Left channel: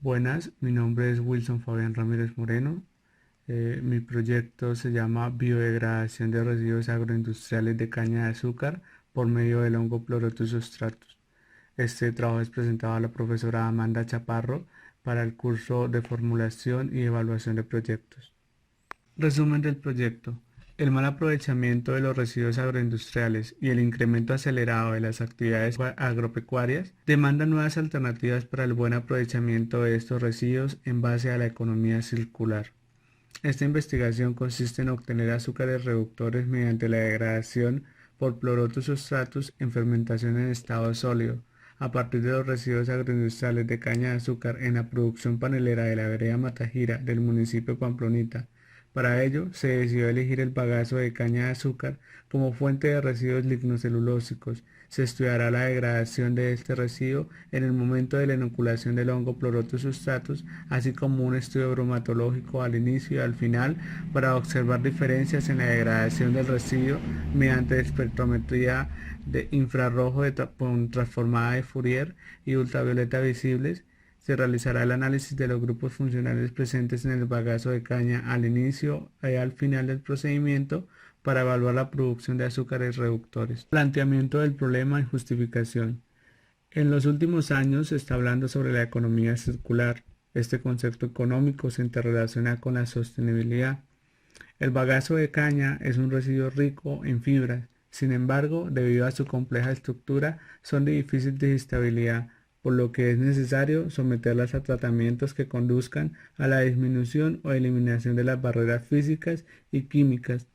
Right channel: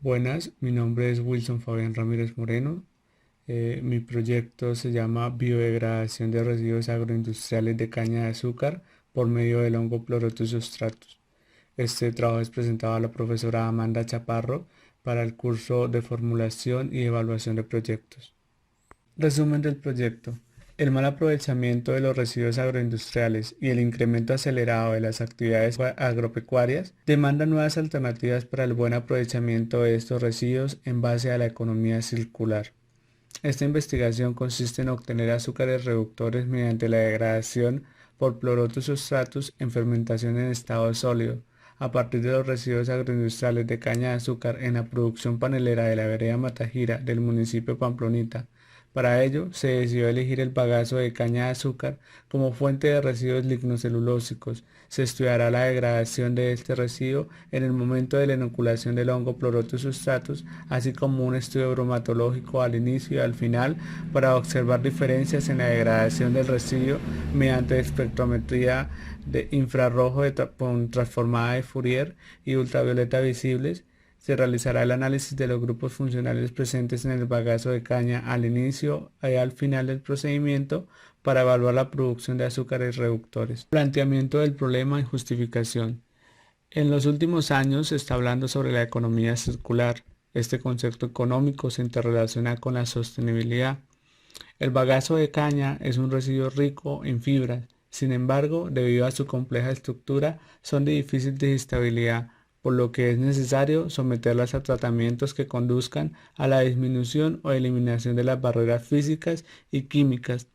Buenas, mi nombre es Wilson Fabián Ramírez Moreno. Mi proyecto se llama Biodegradación de residuos agroindustriales de caña de azúcar por medio del hongo Pleurotus substratus. Este trabajo es presentado a la profesora Amanda Chaparro para el curso de formulación y evaluación de proyectos. Resumen del proyecto. El mal aprovechamiento de los residuos agroindustriales y el incremento acelerado de las actividades agropecuarias demandan nuevas alternativas para el buen aprovechamiento de estos residuos en base a la economía circular. Esta investigación consiste en obtener azúcares reductores mediante la degradación por Pleurotus substratus en fermentación en estado sólido, a partir de los residuos agroindustriales de caña de azúcar en la producción panelera de la vereda Matagira del municipio Pamplonita. Para ello, se decidió elegir el bagazo de caña de azúcar como fuente de residuos lignocelulósicos. Se estudiará la degradación de este residuo en el momento de la inoculación del hongo Pleurotus substratus, así como un estudio bromatológico al inicio y al final para observar diferencias en la degradación del residuo mediante espectrometría de infrarrojo transformada de Fourier y ultravioleta visibles. Se realizará el análisis de los grupos funcionales presentes en el bagazo de caña al inicio y al final del procedimiento para evaluar la producción de azúcares reductores. Planteamiento del problema y justificación. En los últimos años se está hablando sobre la economía circular. Este concepto económico se interrelaciona con la sostenibilidad. El bagazo de caña es un residuo rico en fibras. Sin embargo, debido a su compleja estructura, son de difícil digestibilidad, por lo que es necesario someterlas a tratamientos que conduzcan a la disminución o eliminación de las barreras físicas y químicas.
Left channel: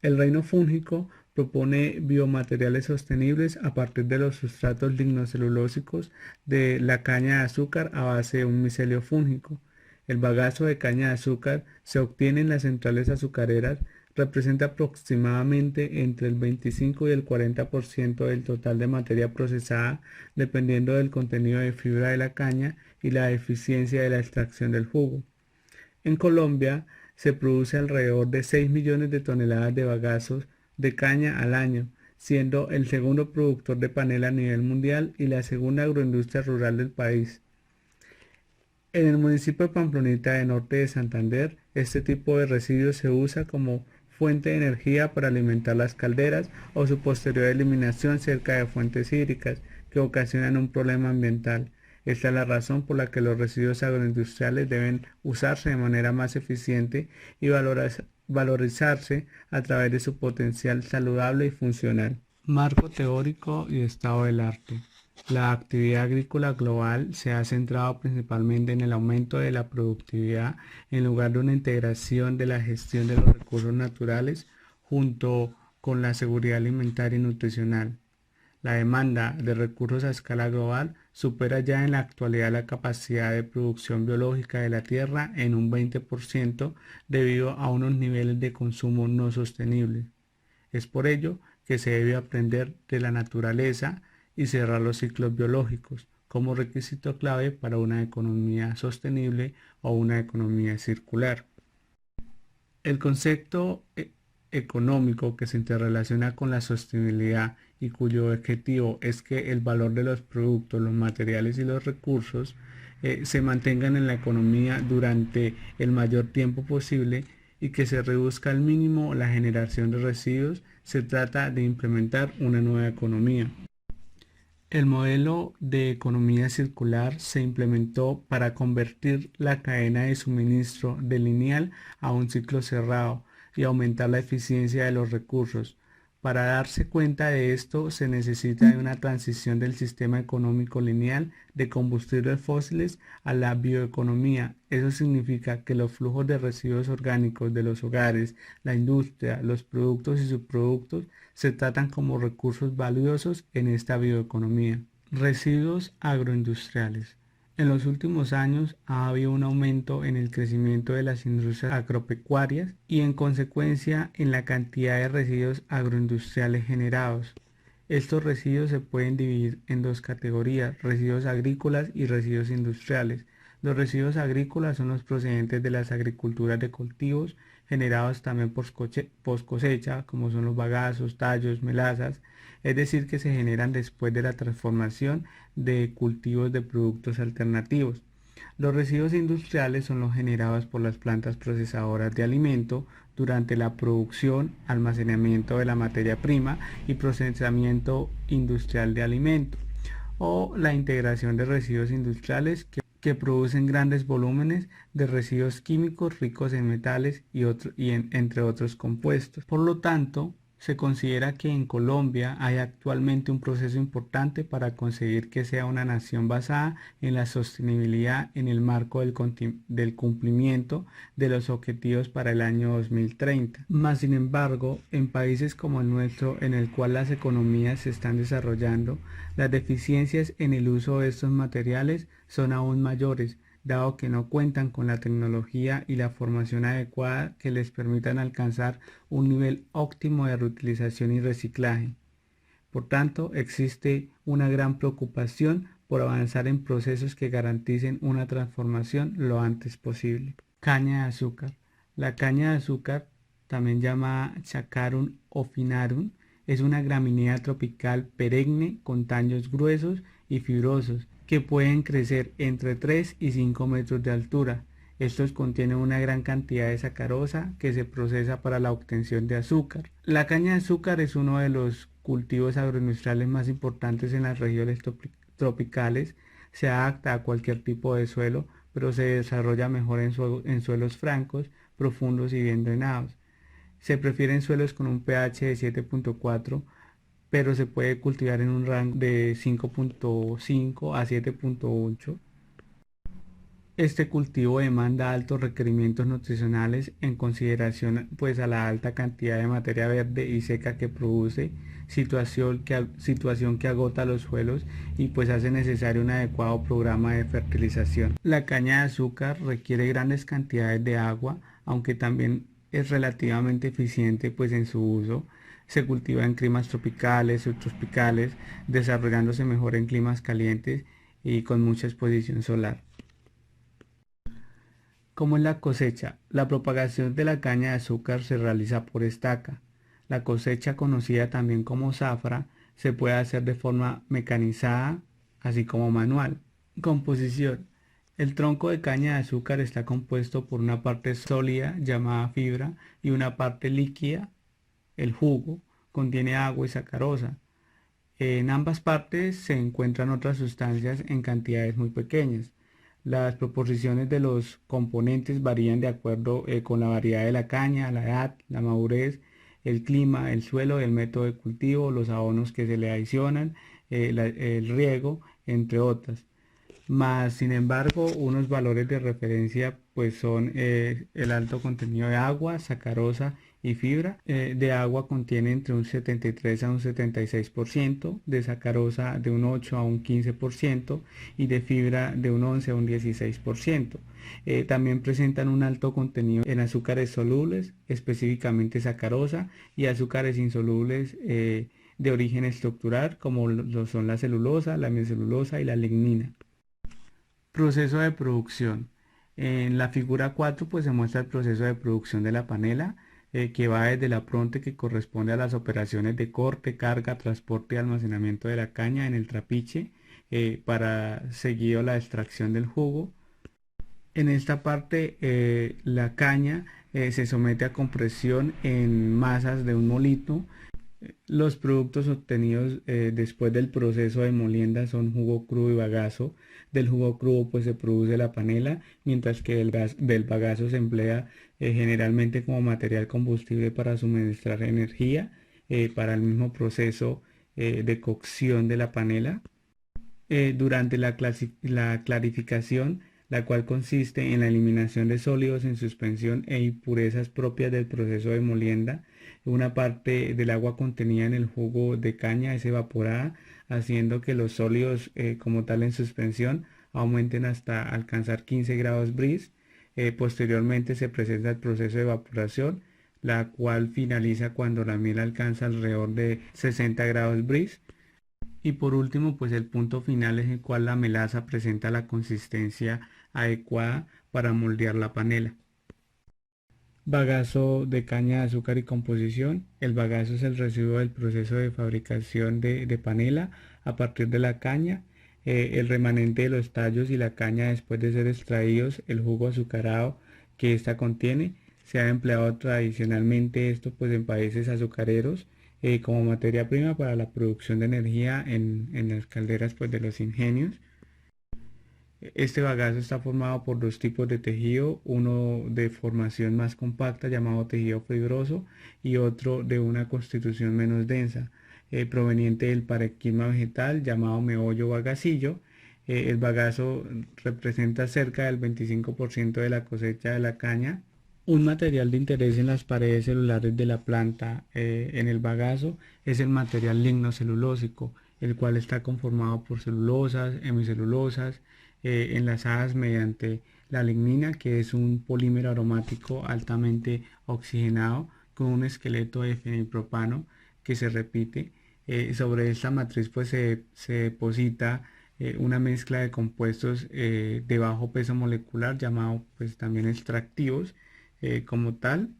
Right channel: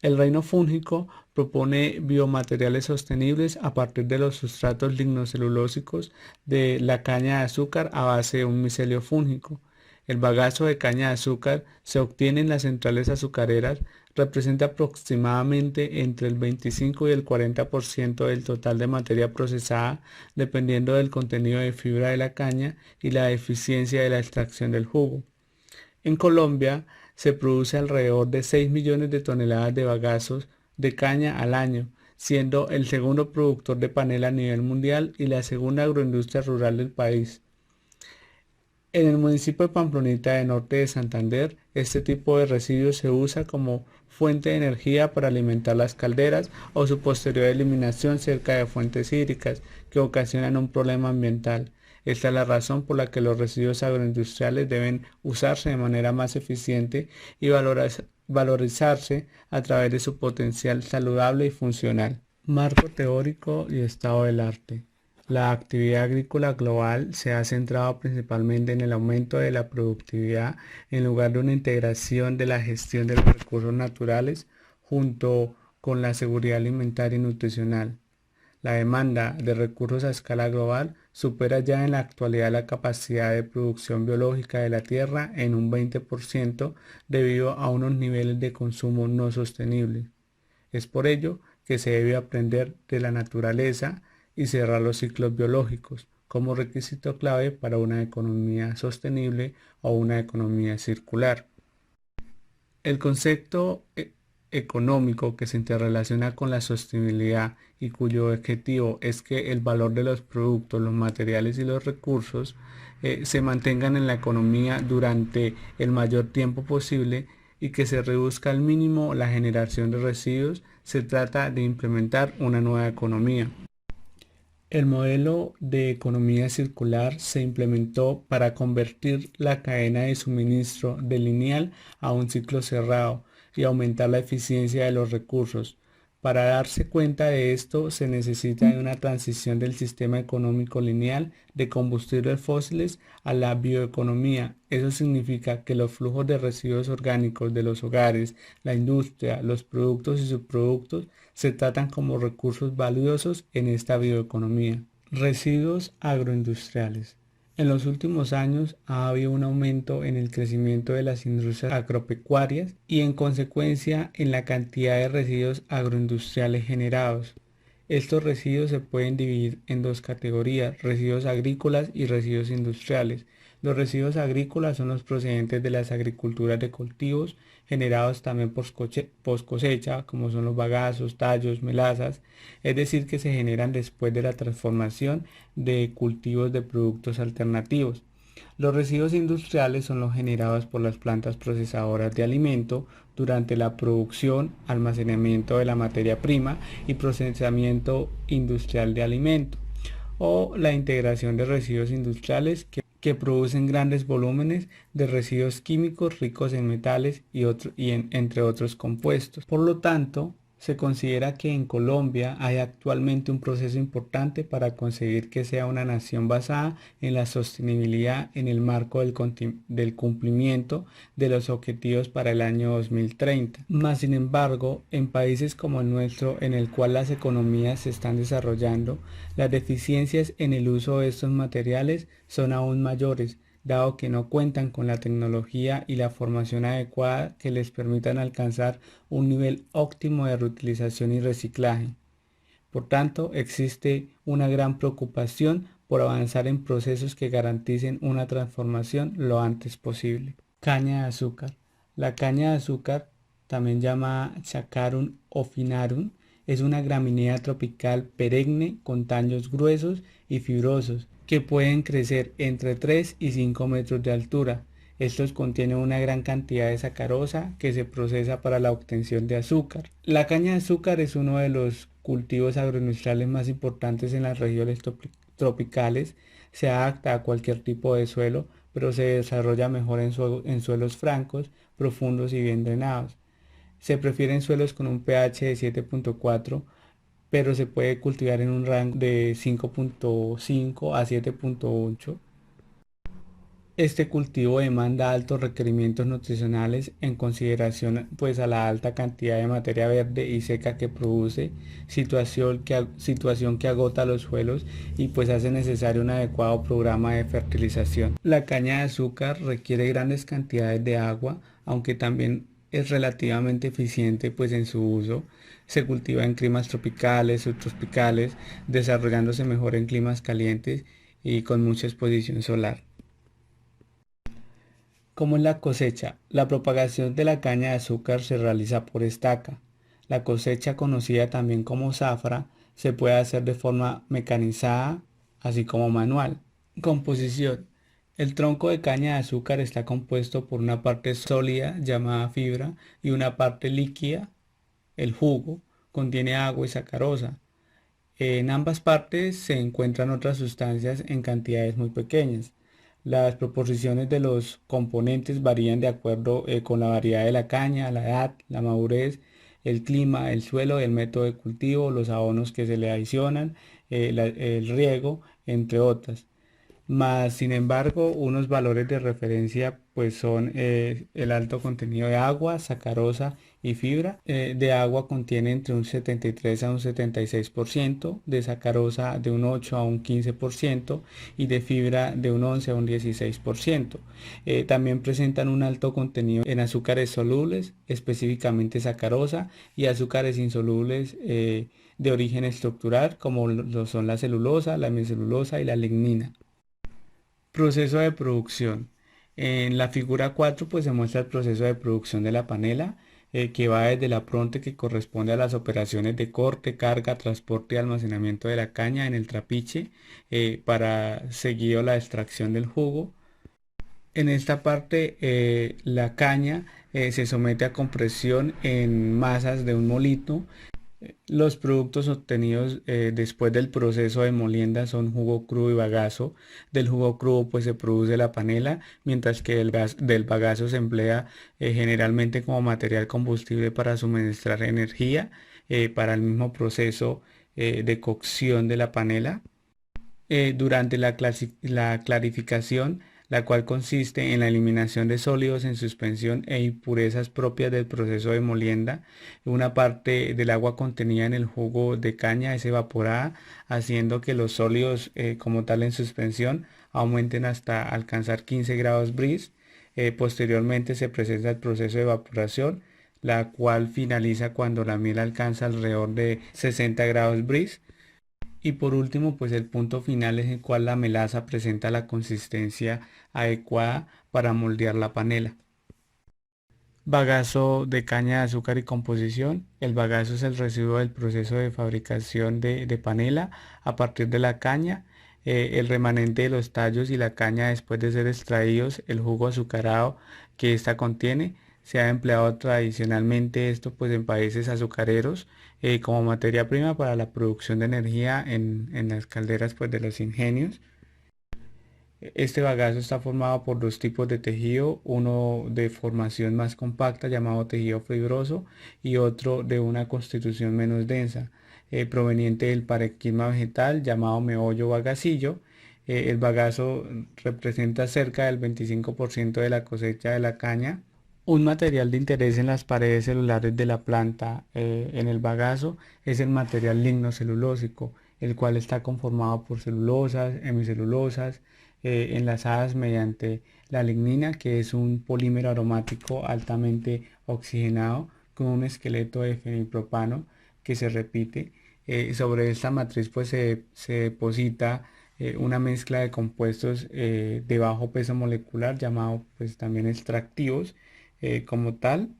El reino fúngico propone biomateriales sostenibles a partir de los sustratos lignocelulósicos de la caña de azúcar a base de un micelio fúngico. El bagazo de caña de azúcar se obtiene en las centrales azucareras, representa aproximadamente entre el 25 y el 40% del total de materia procesada, dependiendo del contenido de fibra de la caña y la eficiencia de la extracción del jugo. En Colombia se produce alrededor de 6 millones de toneladas de bagazos de caña al año, siendo el segundo productor de panela a nivel mundial y la segunda agroindustria rural del país. En el municipio de Pamplonita de Norte de Santander, este tipo de residuos se usa como fuente de energía para alimentar las calderas o su posterior eliminación cerca de fuentes hídricas que ocasionan un problema ambiental. Esta es la razón por la que los residuos agroindustriales deben usarse de manera más eficiente y valorizarse a través de su potencial saludable y funcional. Marco teórico y estado del arte. La actividad agrícola global se ha centrado principalmente en el aumento de la productividad en lugar de una integración de la gestión de los recursos naturales junto con la seguridad alimentaria y nutricional. La demanda de recursos a escala global supera ya en la actualidad la capacidad de producción biológica de la tierra en un 20% debido a unos niveles de consumo no sostenibles. Es por ello que se debe aprender de la naturaleza y cerrar los ciclos biológicos como requisito clave para una economía sostenible o una economía circular. El concepto económico que se interrelaciona con la sostenibilidad y cuyo objetivo es que el valor de los productos, los materiales y los recursos se mantengan en la economía durante el mayor tiempo posible y que se reduzca al mínimo la generación de residuos. Se trata de implementar una nueva economía. El modelo de economía circular se implementó para convertir la cadena de suministro de lineal a un ciclo cerrado y aumentar la eficiencia de los recursos. Para darse cuenta de esto se necesita de una transición del sistema económico lineal de combustibles fósiles a la bioeconomía. Eso significa que los flujos de residuos orgánicos de los hogares, la industria, los productos y subproductos se tratan como recursos valiosos en esta bioeconomía. Residuos agroindustriales. En los últimos años ha habido un aumento en el crecimiento de las industrias agropecuarias y en consecuencia en la cantidad de residuos agroindustriales generados. Estos residuos se pueden dividir en dos categorías: residuos agrícolas y residuos industriales. Los residuos agrícolas son los procedentes de las agriculturas de cultivos generados también post cosecha, como son los bagazos, tallos, melazas, es decir, que se generan después de la transformación de cultivos de productos alternativos. Los residuos industriales son los generados por las plantas procesadoras de alimento durante la producción, almacenamiento de la materia prima y procesamiento industrial de alimentos, o la integración de residuos industriales que producen grandes volúmenes de residuos químicos ricos en metales entre otros compuestos. Por lo tanto, se considera que en Colombia hay actualmente un proceso importante para conseguir que sea una nación basada en la sostenibilidad en el marco del cumplimiento de los objetivos para el año 2030. Más sin embargo, en países como el nuestro, en el cual las economías se están desarrollando, las deficiencias en el uso de estos materiales son aún mayores, dado que no cuentan con la tecnología y la formación adecuada que les permitan alcanzar un nivel óptimo de reutilización y reciclaje. Por tanto, existe una gran preocupación por avanzar en procesos que garanticen una transformación lo antes posible. Caña de azúcar. La caña de azúcar, también llamada Chacarum officinarum, es una gramínea tropical perenne con tallos gruesos y fibrosos que pueden crecer entre 3 y 5 metros de altura. Estos contienen una gran cantidad de sacarosa que se procesa para la obtención de azúcar. La caña de azúcar es uno de los cultivos agroindustriales más importantes en las regiones tropicales. Se adapta a cualquier tipo de suelo, pero se desarrolla mejor en suelos francos, profundos y bien drenados. Se prefieren suelos con un pH de 7.4, pero se puede cultivar en un rango de 5.5 a 7.8. Este cultivo demanda altos requerimientos nutricionales en consideración pues a la alta cantidad de materia verde y seca que produce, situación que agota los suelos y pues hace necesario un adecuado programa de fertilización. La caña de azúcar requiere grandes cantidades de agua, aunque también es relativamente eficiente pues en su uso. Se cultiva en climas tropicales, subtropicales, desarrollándose mejor en climas calientes y con mucha exposición solar. ¿Cómo es la cosecha? La propagación de la caña de azúcar se realiza por estaca. La cosecha, conocida también como zafra, se puede hacer de forma mecanizada, así como manual. Composición. El tronco de caña de azúcar está compuesto por una parte sólida llamada fibra y una parte líquida, el jugo. Contiene agua y sacarosa. En ambas partes se encuentran otras sustancias en cantidades muy pequeñas. Las proporciones de los componentes varían de acuerdo con la variedad de la caña, la edad, la madurez, el clima, el suelo, el método de cultivo, los abonos que se le adicionan, el riego, entre otras. Más sin embargo, unos valores de referencia pues son el alto contenido de agua, sacarosa y fibra. De agua contiene entre un 73 a un 76%, de sacarosa de un 8 a un 15% y de fibra de un 11 a un 16%. También presentan un alto contenido en azúcares solubles, específicamente sacarosa, y azúcares insolubles de origen estructural, como lo son la celulosa, la hemicelulosa y la lignina. Proceso de producción. En la figura 4 pues se muestra el proceso de producción de la panela, que va desde la pronte, que corresponde a las operaciones de corte, carga, transporte y almacenamiento de la caña en el trapiche, para seguido la extracción del jugo. En esta parte la caña se somete a compresión en masas de un molino. Los productos obtenidos después del proceso de molienda son jugo crudo y bagazo. Del jugo crudo pues se produce la panela, mientras que del bagazo se emplea generalmente como material combustible para suministrar energía para el mismo proceso de cocción de la panela. Durante la clarificación, la cual consiste en la eliminación de sólidos en suspensión e impurezas propias del proceso de molienda, una parte del agua contenida en el jugo de caña es evaporada, haciendo que los sólidos como tal en suspensión aumenten hasta alcanzar 15 grados Brix. Posteriormente se presenta el proceso de evaporación, la cual finaliza cuando la miel alcanza alrededor de 60 grados Brix. Y por último, pues el punto final es el cual la melaza presenta la consistencia adecuada para moldear la panela. Bagazo de caña de azúcar y composición. El bagazo es el residuo del proceso de fabricación de panela a partir de la caña. El remanente de los tallos y la caña después de ser extraídos, el jugo azucarado que ésta contiene, se ha empleado tradicionalmente esto pues en países azucareros como materia prima para la producción de energía en las calderas pues de los ingenios. Este bagazo está formado por dos tipos de tejido, uno de formación más compacta llamado tejido fibroso y otro de una constitución menos densa, proveniente del parenquima vegetal llamado meollo bagacillo. El bagazo representa cerca del 25% de la cosecha de la caña. Un material de interés en las paredes celulares de la planta en el bagazo es el material lignocelulósico, el cual está conformado por celulosas, hemicelulosas, enlazadas mediante la lignina, que es un polímero aromático altamente oxigenado con un esqueleto de fenilpropano que se repite. Sobre esta matriz pues se deposita una mezcla de compuestos de bajo peso molecular llamado pues también extractivos como tal.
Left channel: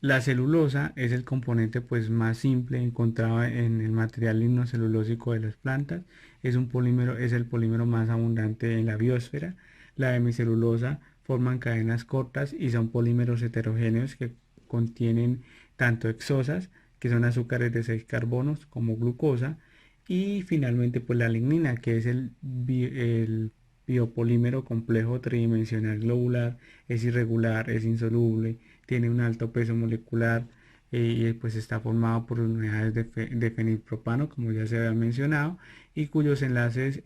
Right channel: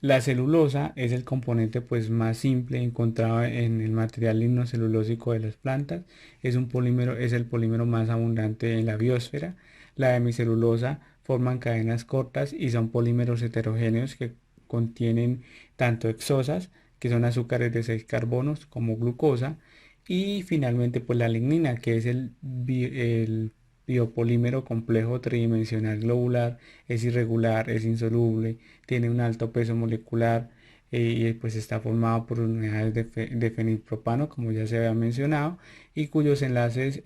La celulosa es el componente pues más simple encontrado en el material lignocelulósico de las plantas. Es el polímero más abundante en la biosfera. La hemicelulosa forman cadenas cortas y son polímeros heterogéneos que contienen tanto hexosas, que son azúcares de 6 carbonos, como glucosa, y finalmente pues la lignina, que es el biopolímero complejo tridimensional globular, es irregular, es insoluble, tiene un alto peso molecular y pues está formado por unidades de fenilpropano, como ya se había mencionado, y cuyos enlaces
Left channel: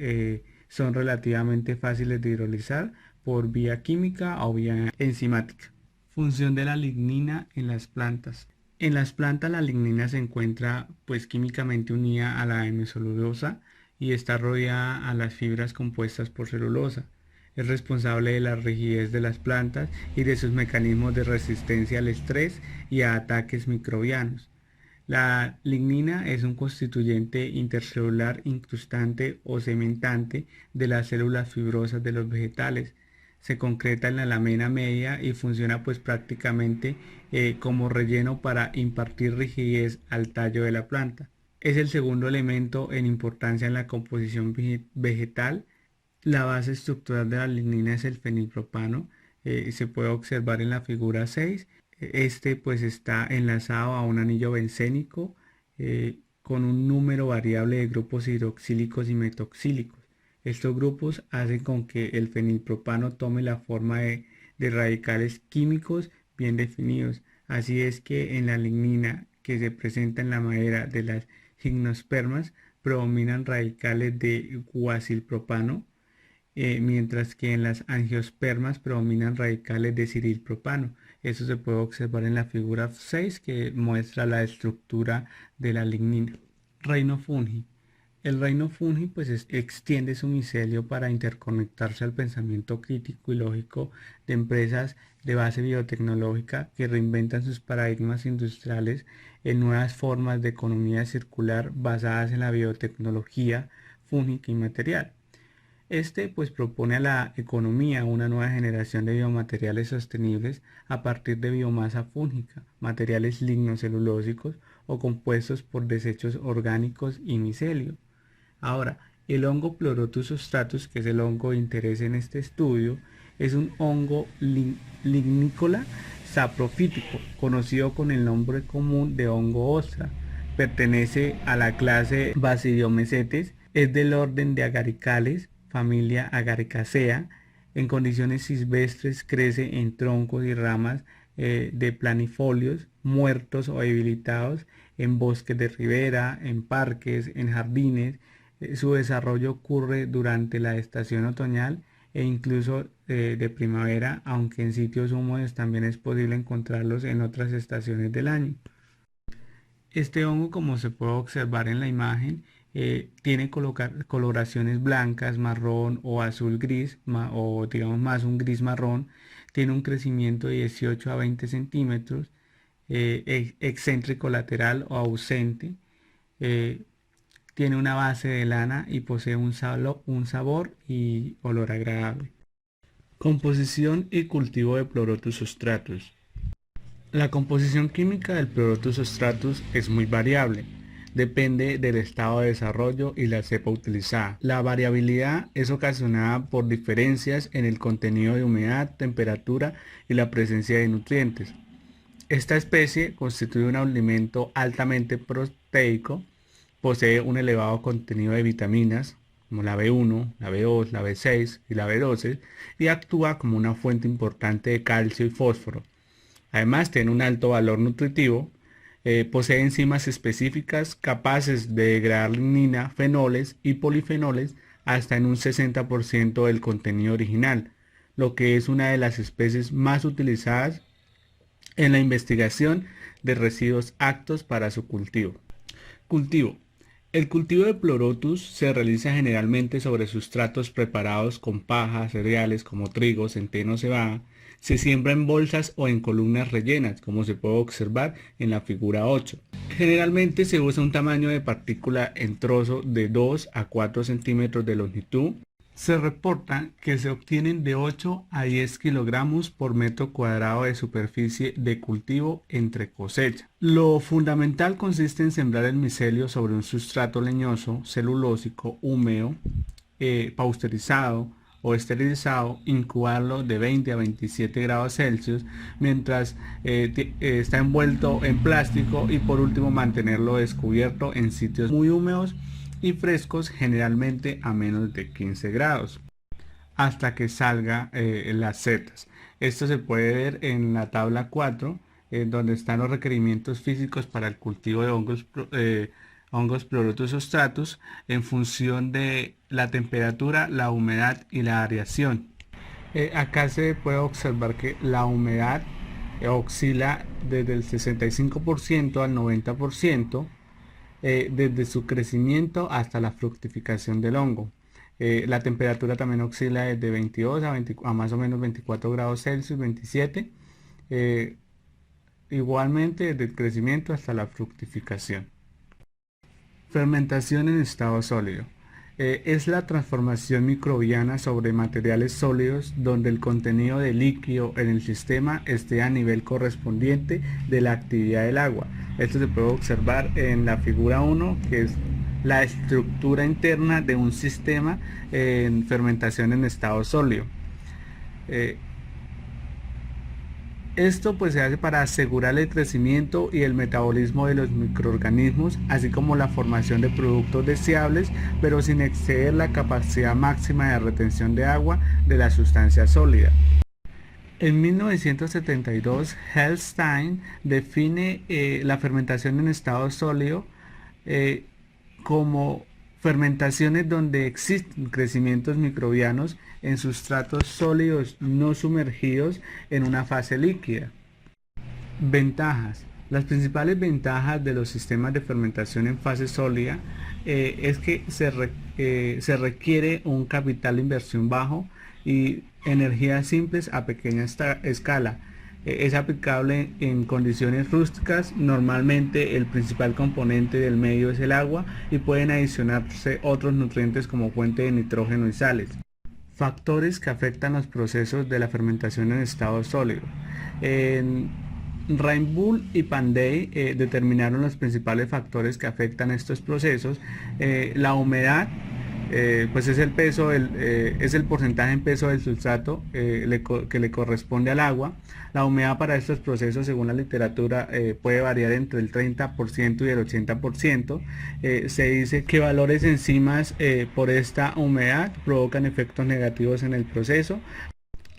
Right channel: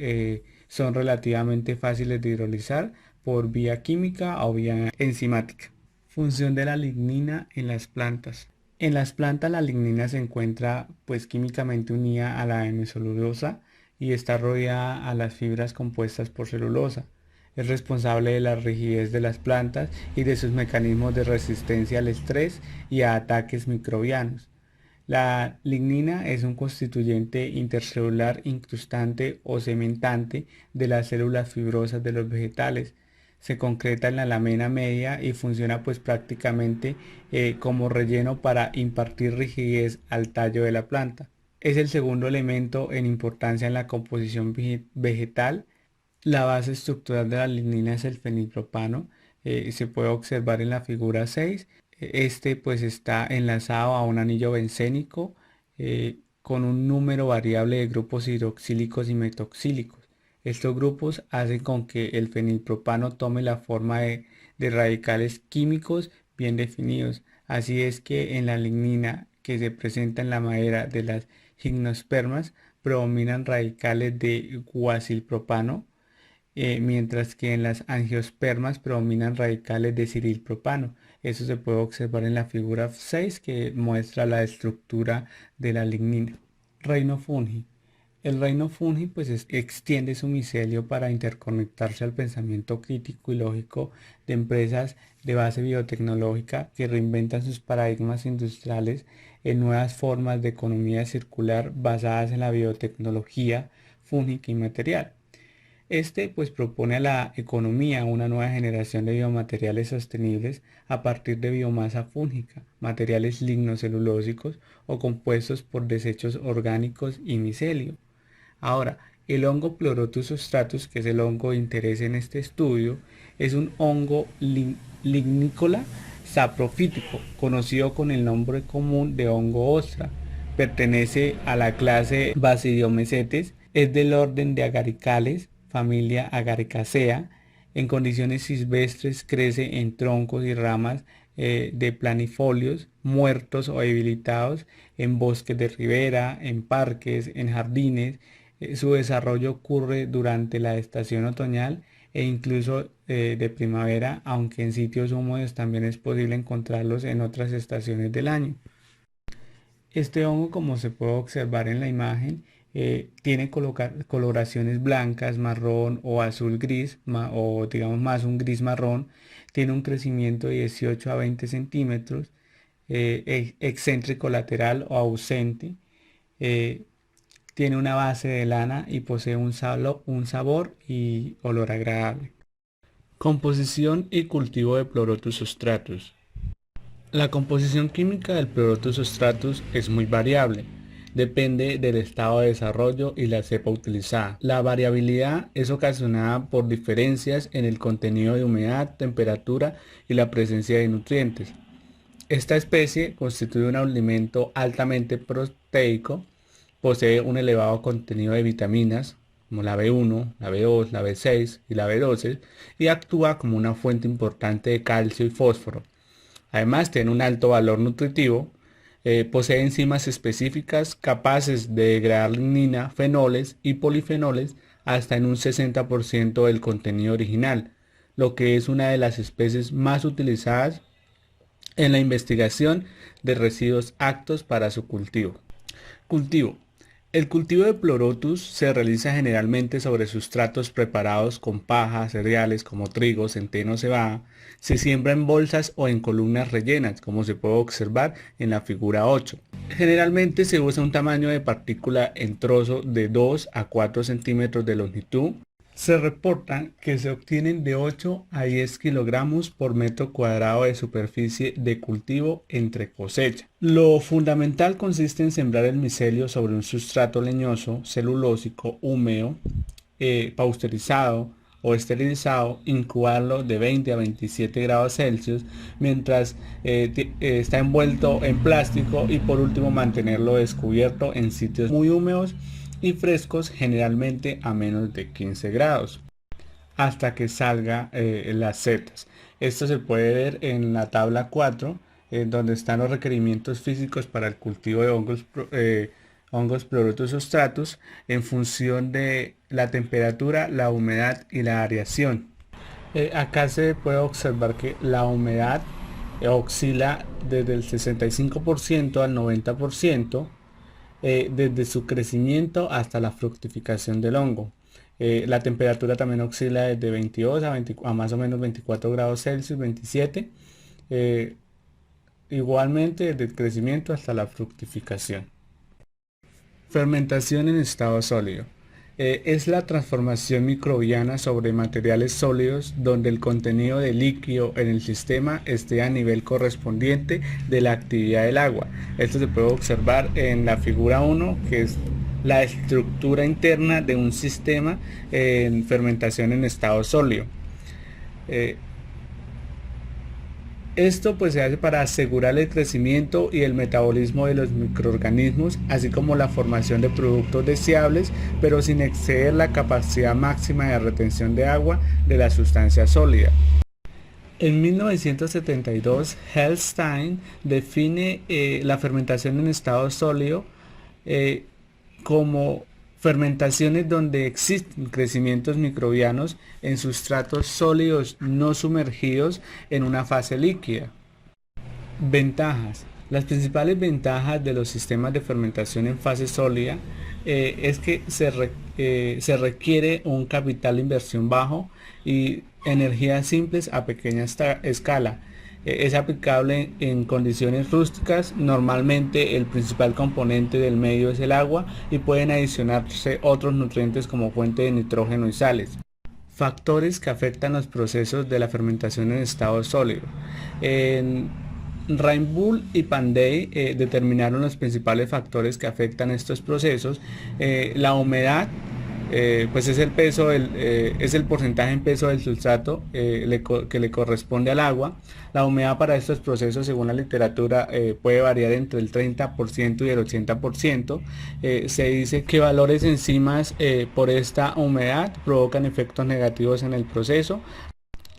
son relativamente fáciles de hidrolizar por vía química o vía enzimática. Función de la lignina en las plantas. En las plantas la lignina se encuentra pues químicamente unida a la hemicelulosa y está rodeada a las fibras compuestas por celulosa. Es responsable de la rigidez de las plantas y de sus mecanismos de resistencia al estrés y a ataques microbianos. La lignina es un constituyente intercelular incrustante o cementante de las células fibrosas de los vegetales. Se concreta en la lamina media y funciona pues prácticamente como relleno para impartir rigidez al tallo de la planta. Es el segundo elemento en importancia en la composición vegetal. La base estructural de la lignina es el fenilpropano. Se puede observar en la figura 6. Este pues está enlazado a un anillo bencénico con un número variable de grupos hidroxílicos y metoxílicos. Estos grupos hacen con que el fenilpropano tome la forma de radicales químicos bien definidos. Así es que en la lignina que se presenta en la madera de las gimnospermas predominan radicales de guasilpropano, mientras que en las angiospermas predominan radicales de cirilpropano. Eso se puede observar en la figura 6 que muestra la estructura de la lignina. Reino fungi. El reino fungi pues extiende su micelio para interconectarse al pensamiento crítico y lógico de empresas de base biotecnológica que reinventan sus paradigmas industriales en nuevas formas de economía circular basadas en la biotecnología fúngica y material. Este pues propone a la economía una nueva generación de biomateriales sostenibles a partir de biomasa fúngica, materiales lignocelulósicos o compuestos por desechos orgánicos y micelio. Ahora, el hongo Pleurotus ostratus, que es el hongo de interés en este estudio, es un hongo lignícola saprofítico, conocido con el nombre común de hongo ostra. Pertenece a la clase Basidiomycetes, es del orden de Agaricales, familia Agaricacea. En condiciones silvestres crece en troncos y ramas de planifolios muertos o debilitados, en bosques de ribera, en parques, en jardines. Su desarrollo ocurre durante la estación otoñal e incluso de primavera, aunque en sitios húmedos también es posible encontrarlos en otras estaciones del año. Este hongo, como se puede observar en la imagen, tiene coloraciones blancas, marrón o azul gris, o digamos más un gris marrón. Tiene un crecimiento de 18 a 20 centímetros, excéntrico lateral o ausente. eh, Tiene una base de lana y posee un sabor y olor agradable. Composición y cultivo de Pleurotus ostratus. La composición química del Pleurotus ostratus es muy variable. depende del estado de desarrollo y la cepa utilizada. La variabilidad es ocasionada por diferencias en el contenido de humedad, temperatura y la presencia de nutrientes. Esta especie constituye un alimento altamente proteico, posee un elevado contenido de vitaminas como la B1, la B2, la B6 y la B12 y actúa como una fuente importante de calcio y fósforo. Además tiene un alto valor nutritivo, posee enzimas específicas capaces de degradar lignina, fenoles y polifenoles hasta en un 60% del contenido original, lo que es una de las especies más utilizadas en la investigación de residuos aptos para su cultivo. Cultivo. El cultivo de Pleurotus se realiza generalmente sobre sustratos preparados con paja, cereales como trigo, centeno o cebada. Se siembra en bolsas o en columnas rellenas, como se puede observar en la figura 8. Generalmente se usa un tamaño de partícula en trozo de 2 a 4 centímetros de longitud. Se reporta que se obtienen de 8 a 10 kilogramos por metro cuadrado de superficie de cultivo entre cosecha. Lo fundamental consiste en sembrar el micelio sobre un sustrato leñoso, celulósico, húmedo, pasteurizado o esterilizado, incubarlo de 20 a 27 grados Celsius mientras está envuelto en plástico y por último mantenerlo descubierto en sitios muy húmedos y frescos, generalmente a menos de 15 grados, hasta que salga las setas. Esto se puede ver en la tabla 4, donde están los requerimientos físicos para el cultivo de hongos Pleurotus striatus en función de la temperatura, la humedad y la aireación. Acá se puede observar que la humedad oscila desde el 65% al 90%, desde su crecimiento hasta la fructificación del hongo. La temperatura también oscila desde 22 a más o menos 24 grados Celsius, 27, igualmente desde el crecimiento hasta la fructificación. Fermentación en estado sólido. Es la transformación microbiana sobre materiales sólidos donde el contenido de líquido en el sistema esté a nivel correspondiente de la actividad del agua. Esto se puede observar en la figura 1, que es la estructura interna de un sistema en fermentación en estado sólido. Esto pues se hace para asegurar el crecimiento y el metabolismo de los microorganismos, así como la formación de productos deseables, pero sin exceder la capacidad máxima de retención de agua de la sustancia sólida. En 1972, Hellstein define la fermentación en estado sólido como fermentaciones donde existen crecimientos microbianos en sustratos sólidos no sumergidos en una fase líquida. Ventajas. Las principales ventajas de los sistemas de fermentación en fase sólida es que se requiere un capital de inversión bajo y energías simples a pequeña escala. Es aplicable en condiciones rústicas. Normalmente el principal componente del medio es el agua y pueden adicionarse otros nutrientes como fuente de nitrógeno y sales. Factores que afectan los procesos de la fermentación en estado sólido. Reinbull y Pandey determinaron los principales factores que afectan estos procesos. La humedad, pues es el peso, es el porcentaje en peso del sustrato que le corresponde al agua. La humedad para estos procesos, según la literatura, puede variar entre el 30% y el 80%. Se dice que valores enzimas por esta humedad provocan efectos negativos en el proceso.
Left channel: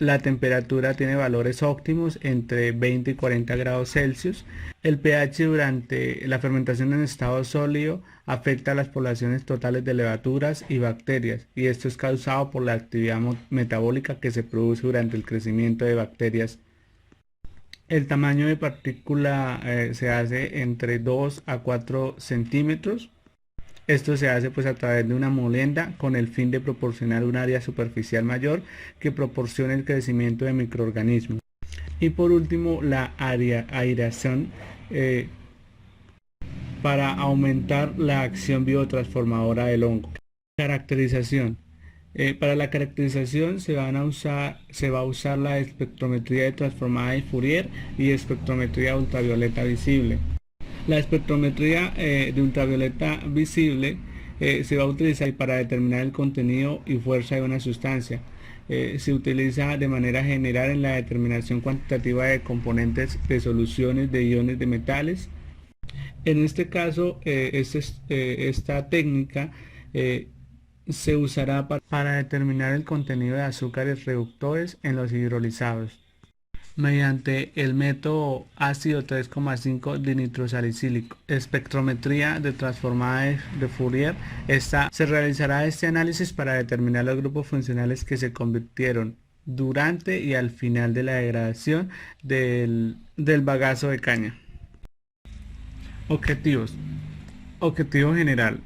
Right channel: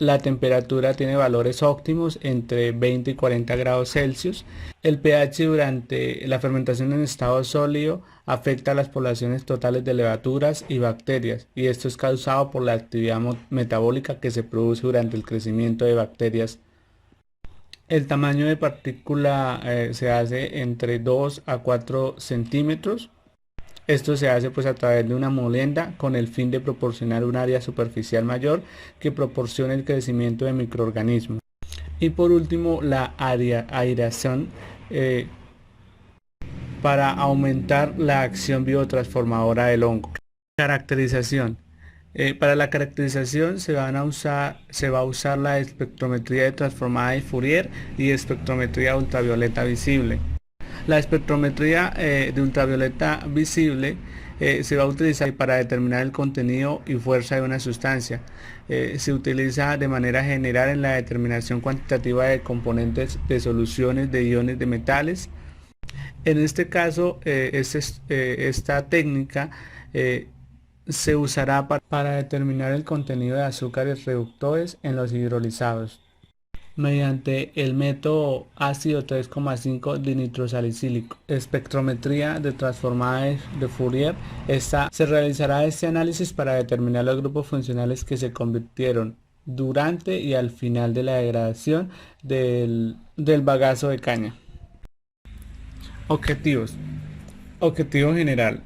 La temperatura tiene valores óptimos entre 20 y 40 grados Celsius. El pH durante la fermentación en estado sólido afecta a las poblaciones totales de levaduras y bacterias, y esto es causado por la actividad metabólica que se produce durante el crecimiento de bacterias. El tamaño de partícula se hace entre 2 a 4 centímetros. Esto se hace pues a través de una molienda con el fin de proporcionar un área superficial mayor que proporcione el crecimiento de microorganismos. Y por último, la aireación para aumentar la acción biotransformadora del hongo. Caracterización. Para la caracterización se va a usar la espectrometría de transformada de Fourier y espectrometría ultravioleta visible. La espectrometría de ultravioleta visible se va a utilizar para determinar el contenido y fuerza de una sustancia. Se utiliza de manera general en la determinación cuantitativa de componentes de soluciones de iones de metales. En este caso, esta técnica se usará para determinar el contenido de azúcares reductores en los hidrolizados mediante el método ácido 3,5 dinitrosalicílico. Espectrometría de transformada de Fourier. Se realizará este análisis para determinar los grupos funcionales que se convirtieron durante y al final de la degradación del bagazo de caña. Objetivos. Objetivo general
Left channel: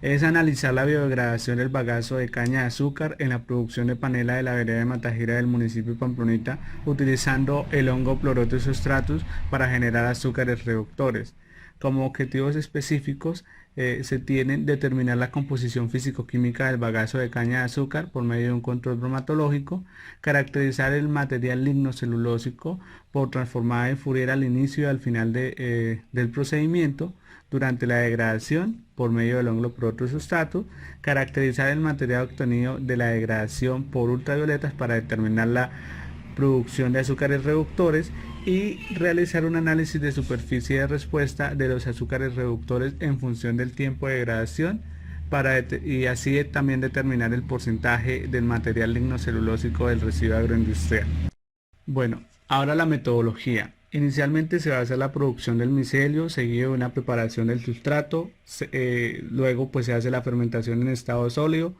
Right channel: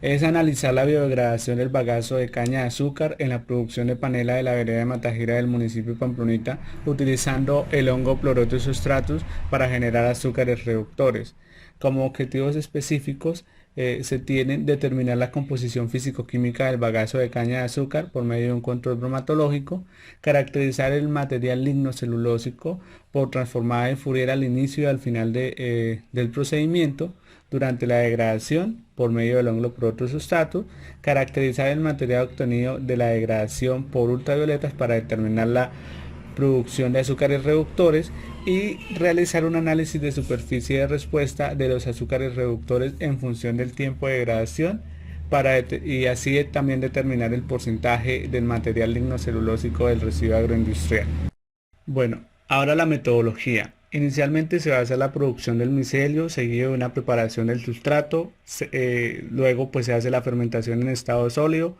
es analizar la biodegradación del bagazo de caña de azúcar en la producción de panela de la vereda de Matajira del municipio de Pamplonita, utilizando el hongo Pleurotus striatus para generar azúcares reductores. Como objetivos específicos se tienen determinar la composición físico-química del bagazo de caña de azúcar por medio de un control bromatológico, caracterizar el material lignocelulósico por transformada de Fourier al inicio y al final del procedimiento, durante la degradación por medio del hongo Pleurotus striatus, caracterizar el material obtenido de la degradación por ultravioletas para determinar la producción de azúcares reductores y realizar un análisis de superficie de respuesta de los azúcares reductores en función del tiempo de degradación y así también determinar el porcentaje del material lignocelulósico del residuo agroindustrial. Bueno, ahora la metodología. Inicialmente se va a hacer la producción del micelio, seguido de una preparación del sustrato, luego pues se hace la fermentación en estado sólido,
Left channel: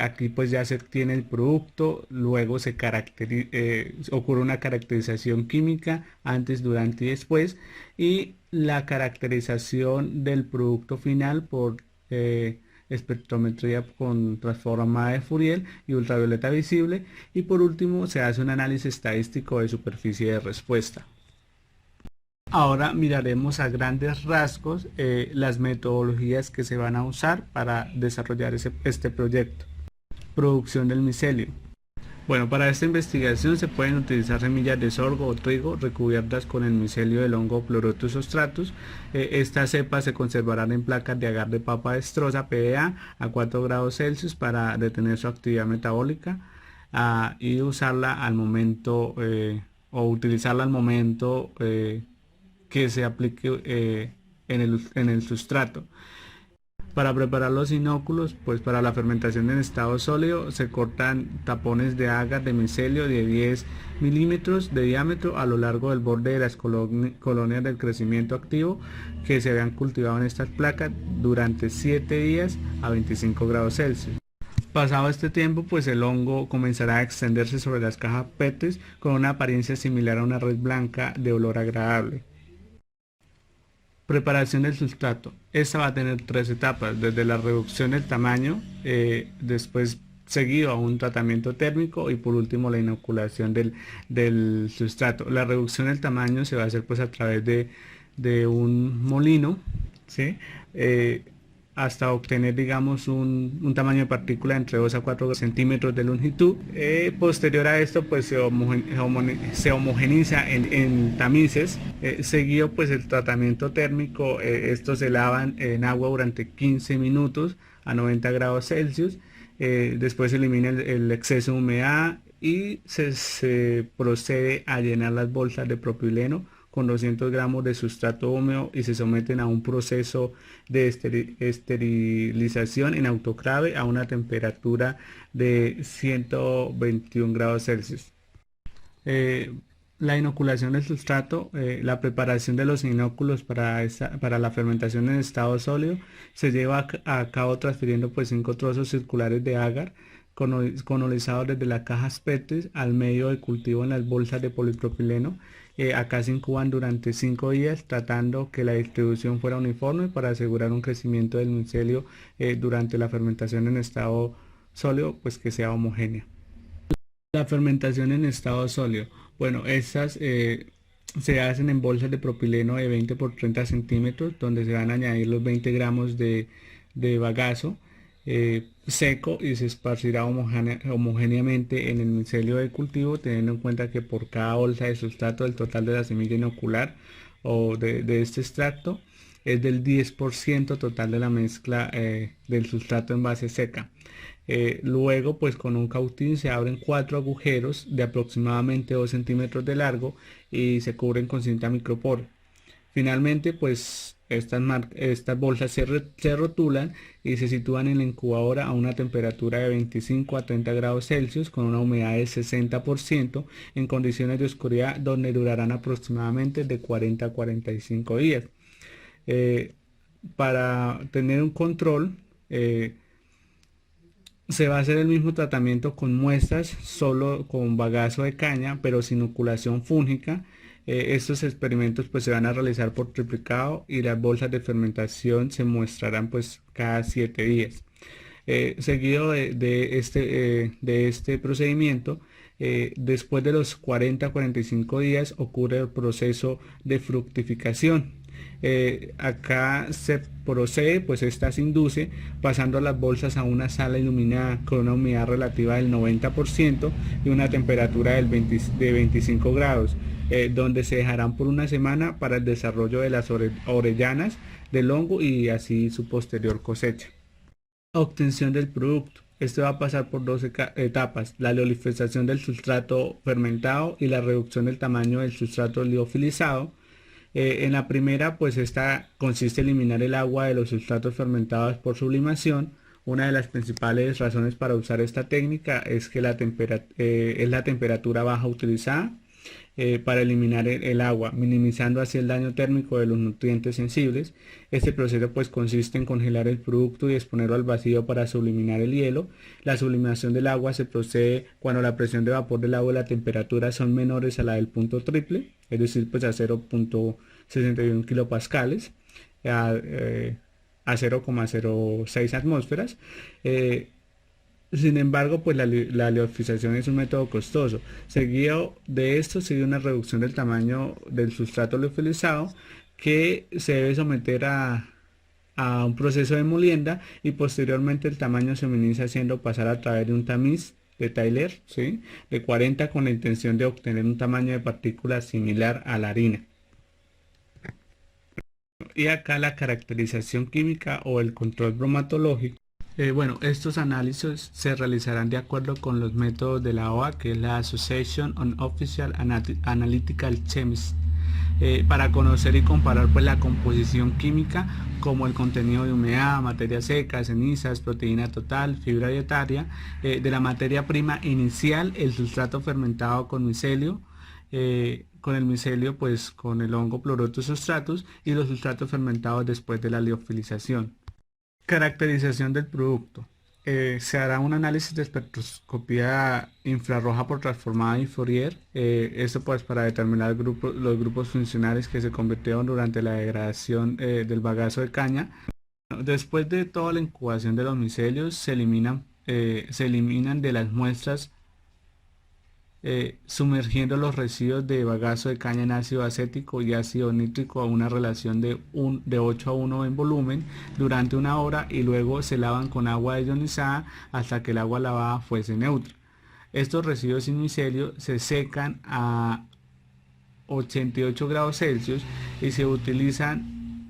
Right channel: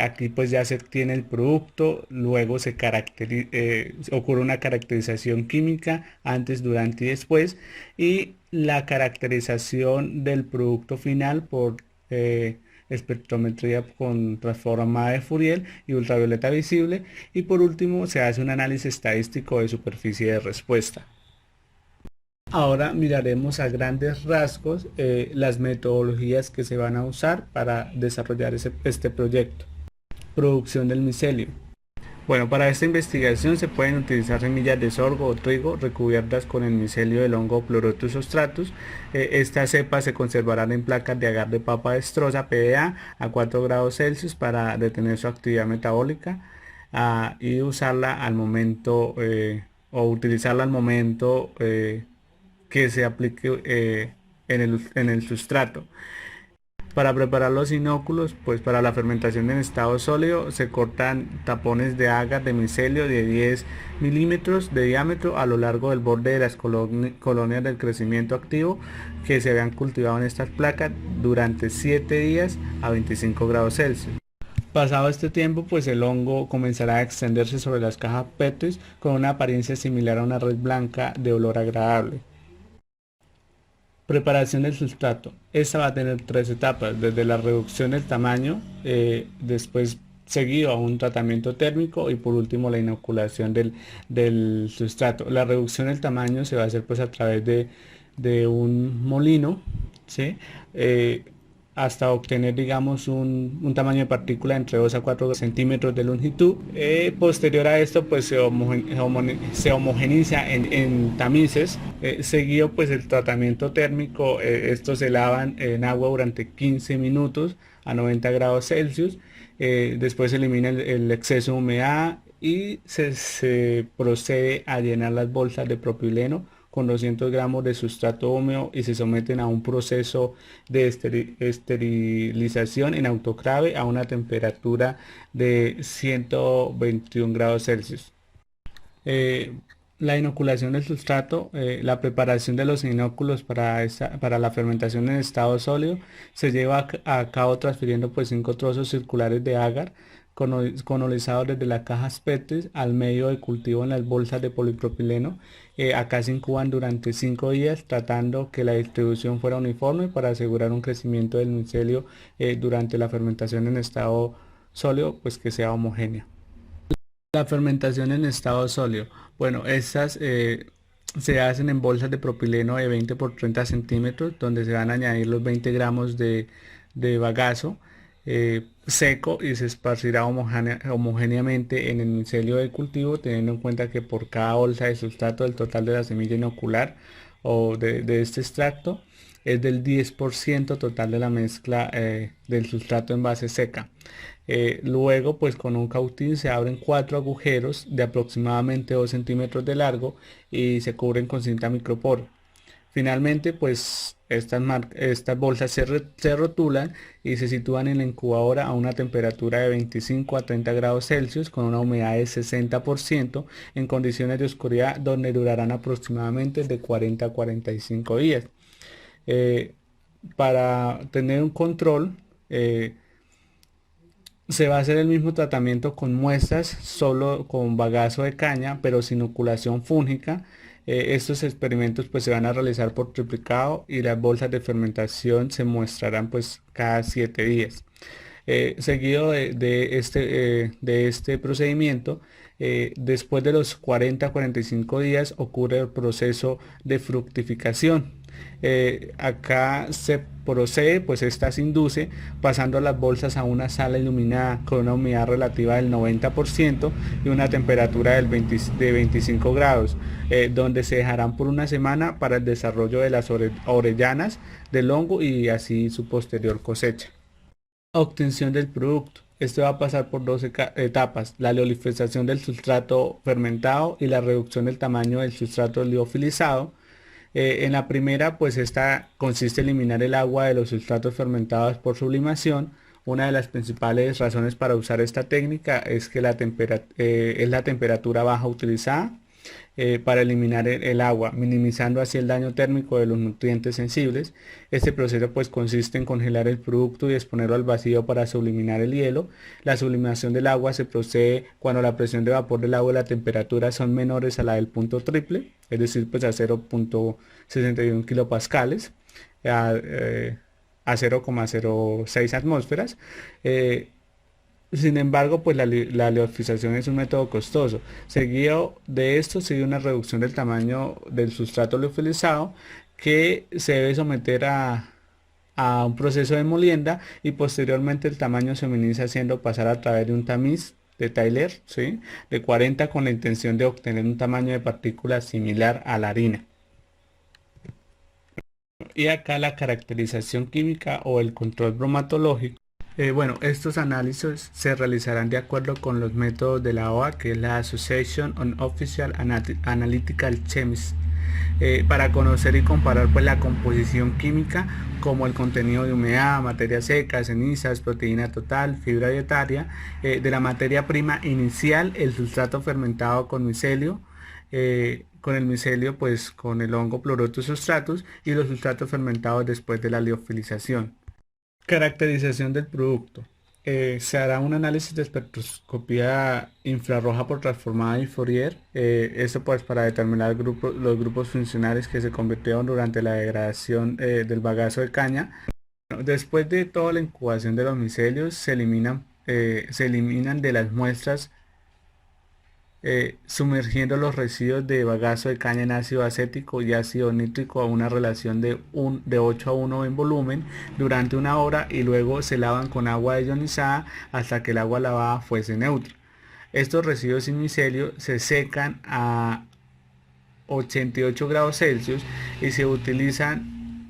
aquí pues ya se obtiene el producto, luego ocurre una caracterización química antes, durante y después, y la caracterización del producto final por espectrometría con transformada de Fourier y ultravioleta visible, y por último se hace un análisis estadístico de superficie de respuesta. Ahora miraremos a grandes rasgos las metodologías que se van a usar para desarrollar este proyecto. Producción del micelio. Bueno, para esta investigación se pueden utilizar semillas de sorgo o trigo recubiertas con el micelio del hongo Pleurotus striatus. Estas cepas se conservarán en placas de agar de papa destroza PDA a 4 grados Celsius para detener su actividad metabólica y usarla al momento utilizarla al momento que se aplique en el sustrato. Para preparar los inóculos, pues para la fermentación en estado sólido se cortan tapones de agar de micelio de 10 milímetros de diámetro a lo largo del borde de las colonias del crecimiento activo que se habían cultivado en estas placas durante 7 días a 25 grados Celsius. Pasado este tiempo, pues el hongo comenzará a extenderse sobre las cajas PET con una apariencia similar a una red blanca de olor agradable. Preparación del sustrato. Esta va a tener 3 etapas, desde la reducción del tamaño, después seguido a un tratamiento térmico y por último la inoculación del sustrato. La reducción del tamaño se va a hacer pues a través de un molino, ¿sí? Hasta obtener digamos un tamaño de partícula entre 2 a 4 centímetros de longitud. Posterior a esto pues se homogeniza en tamices, seguido pues el tratamiento térmico. Estos se lavan en agua durante 15 minutos a 90 grados Celsius, después se elimina el exceso de humedad y se procede a llenar las bolsas de propileno con 200 gramos de sustrato húmedo y se someten a un proceso de esterilización en autoclave a una temperatura de 121 grados Celsius. La inoculación del sustrato, la preparación de los inóculos para la fermentación en estado sólido se lleva a cabo transfiriendo pues 5 trozos circulares de agar colonizados desde las cajas PET al medio de cultivo en las bolsas de polipropileno. Acá se incuban durante 5 días tratando que la distribución fuera uniforme para asegurar un crecimiento del micelio durante la fermentación en estado sólido, pues que sea homogénea. La fermentación en estado sólido. Bueno, estas se hacen en bolsas de propileno de 20 por 30 centímetros donde se van a añadir los 20 gramos de bagazo seco y se esparcirá homogéneamente en el micelio de cultivo, teniendo en cuenta que por cada bolsa de sustrato del total de la semilla inocular o de este extracto es del 10% total de la mezcla del sustrato en base seca. Luego, pues con un cautín se abren 4 agujeros de aproximadamente 2 centímetros de largo y se cubren con cinta micropor. Finalmente, pues estas bolsas se rotulan y se sitúan en la incubadora a una temperatura de 25 a 30 grados Celsius con una humedad de 60% en condiciones de oscuridad donde durarán aproximadamente de 40 a 45 días. Eh, para tener un control, se va a hacer el mismo tratamiento con muestras, solo con bagazo de caña, pero sin inoculación fúngica. Estos experimentos pues se van a realizar por triplicado y las bolsas de fermentación se muestrarán pues cada 7 días. Seguido de este procedimiento, después de los 40 a 45 días ocurre el proceso de fructificación. Acá se procede, pues esta se induce pasando las bolsas a una sala iluminada con una humedad relativa del 90% y una temperatura de 25 grados, donde se dejarán por una semana para el desarrollo de las orellanas del hongo y así su posterior cosecha. Obtención del producto. Esto va a pasar por dos etapas: la liofilización del sustrato fermentado y la reducción del tamaño del sustrato liofilizado. En la primera, pues esta consiste en eliminar el agua de los sustratos fermentados por sublimación. Una de las principales razones para usar esta técnica es que es la temperatura baja utilizada para eliminar el agua, minimizando así el daño térmico de los nutrientes sensibles. Este proceso pues consiste en congelar el producto y exponerlo al vacío para subliminar el hielo. La sublimación del agua se procede cuando la presión de vapor del agua y la temperatura son menores a la del punto triple, es decir, pues a 0,61 kilopascales, a 0,06 atmósferas. Sin embargo, pues la liofilización es un método costoso. Seguido de esto sigue una reducción del tamaño del sustrato liofilizado que se debe someter a un proceso de molienda y posteriormente el tamaño se minimiza haciendo pasar a través de un tamiz de Tyler, ¿sí?, de 40 con la intención de obtener un tamaño de partículas similar a la harina. Y acá la caracterización química o el control bromatológico. Bueno, estos análisis se realizarán de acuerdo con los métodos de la OA, que es la Association on Official Analytical Chemists, para conocer y comparar pues la composición química, como el contenido de humedad, materia seca, cenizas, proteína total, fibra dietaria, de la materia prima inicial, el sustrato fermentado con micelio, con el micelio pues con el hongo Pleurotus substratus y los sustratos fermentados después de la liofilización. Caracterización del producto. Se hará un análisis de espectroscopía infrarroja por transformada y Fourier. Esto pues para determinar los grupos funcionales que se convirtieron durante la degradación del bagazo de caña. Después de toda la incubación de los micelios se eliminan de las muestras sumergiendo los residuos de bagazo de caña en ácido acético y ácido nítrico a una relación de 8 a 1 en volumen durante una hora y luego se lavan con agua ionizada hasta que el agua lavada fuese neutra. Estos residuos sin micelio se secan a 88 grados Celsius y se utilizan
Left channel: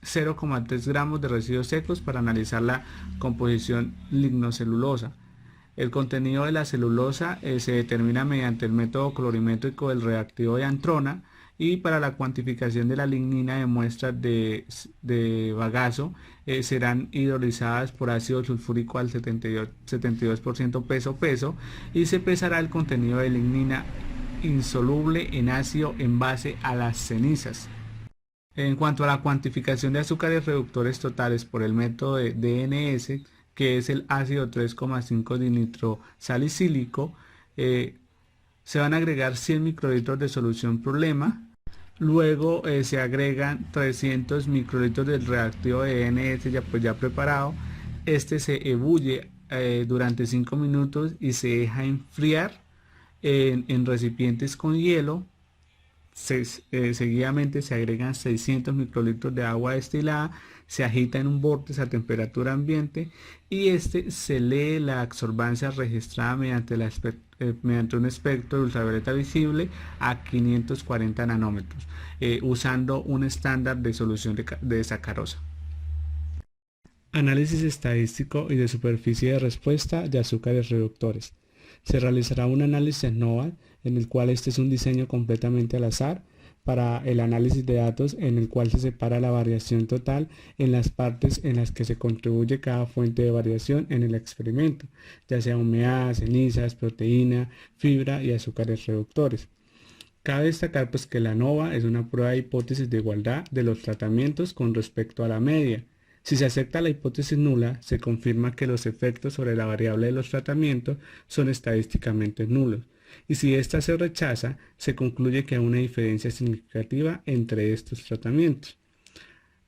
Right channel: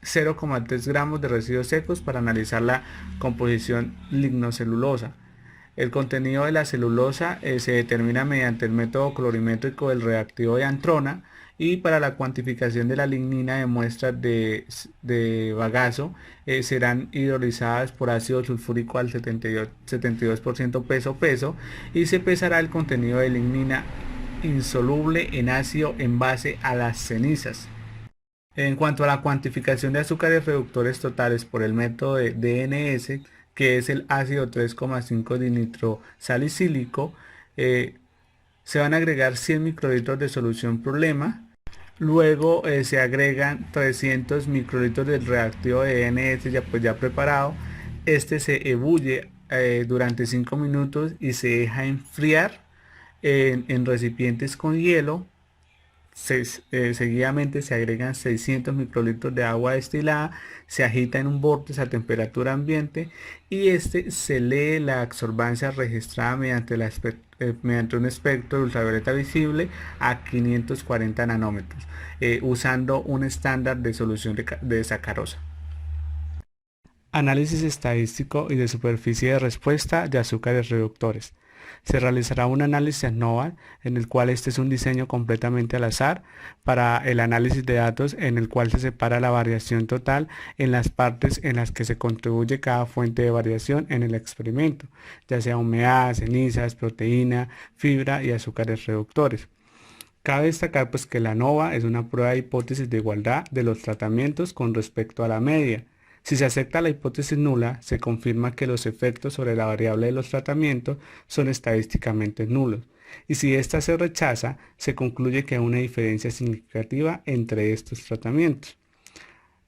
0,3 gramos de residuos secos para analizar la composición lignocelulosa. El contenido de la celulosa se determina mediante el método colorimétrico del reactivo de Antrona, y para la cuantificación de la lignina de muestras de bagazo serán hidrolizadas por ácido sulfúrico al 72% peso y se pesará el contenido de lignina insoluble en ácido en base a las cenizas. En cuanto a la cuantificación de azúcares reductores totales por el método de DNS, que es el ácido 3,5 dinitrosalicílico, se van a agregar 100 microlitros de solución problema. Luego se agregan 300 microlitros del reactivo de DNS ya preparado. Este se ebulle durante 5 minutos y se deja enfriar en recipientes con hielo Seguidamente se agregan 600 microlitros de agua destilada, se agita en un vórtice a temperatura ambiente y este se lee la absorbancia registrada mediante un espectro de ultravioleta visible a 540 nanómetros, usando un estándar de solución de sacarosa. Análisis estadístico y de superficie de respuesta de azúcares reductores. Se realizará un análisis ANOVA, en el cual este es un diseño completamente al azar para el análisis de datos, en el cual se separa la variación total en las partes en las que se contribuye cada fuente de variación en el experimento, ya sea humedad, cenizas, proteína, fibra y azúcares reductores. Cabe destacar pues que la ANOVA es una prueba de hipótesis de igualdad de los tratamientos con respecto a la media. Si se acepta la hipótesis nula, se confirma que los efectos sobre la variable de los tratamientos son estadísticamente nulos. Y si ésta se rechaza, se concluye que hay una diferencia significativa entre estos tratamientos.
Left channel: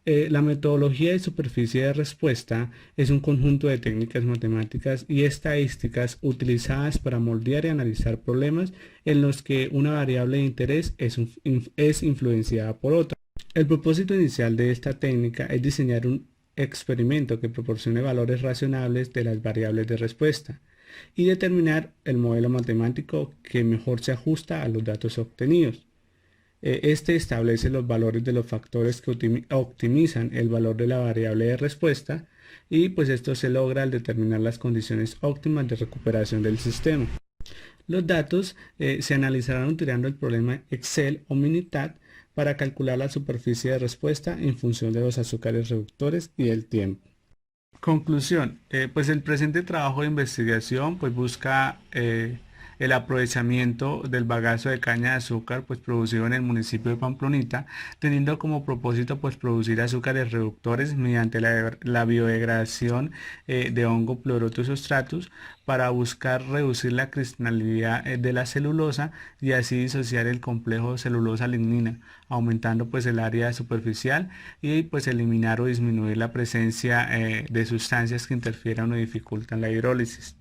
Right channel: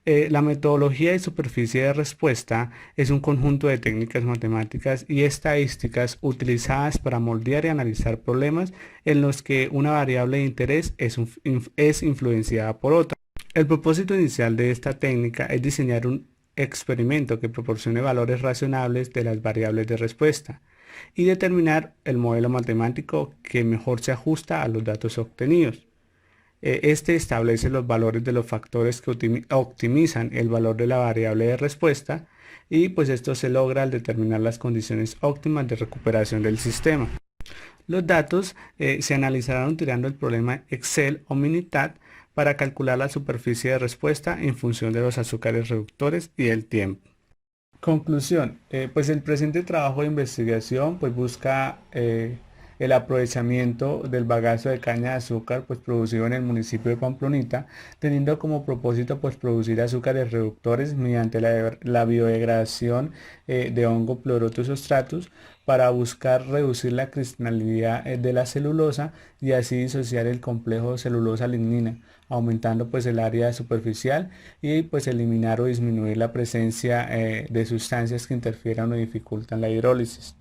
La metodología de superficie de respuesta es un conjunto de técnicas matemáticas y estadísticas utilizadas para moldear y analizar problemas en los que una variable de interés es influenciada por otra. El propósito inicial de esta técnica es diseñar un experimento que proporcione valores razonables de las variables de respuesta y determinar el modelo matemático que mejor se ajusta a los datos obtenidos. Este establece los valores de los factores que optimizan el valor de la variable de respuesta y pues esto se logra al determinar las condiciones óptimas de recuperación del sistema. Los datos se analizarán utilizando el problema Excel o Minitab para calcular la superficie de respuesta en función de los azúcares reductores y el tiempo. Conclusión, pues el presente trabajo de investigación pues busca el aprovechamiento del bagazo de caña de azúcar pues producido en el municipio de Pamplonita, teniendo como propósito pues producir azúcares reductores mediante la biodegradación de hongo Pleurotus striatus para buscar reducir la cristalinidad de la celulosa y así disociar el complejo celulosa-lignina, aumentando pues el área superficial y pues eliminar o disminuir la presencia de sustancias que interfieran o dificultan la hidrólisis.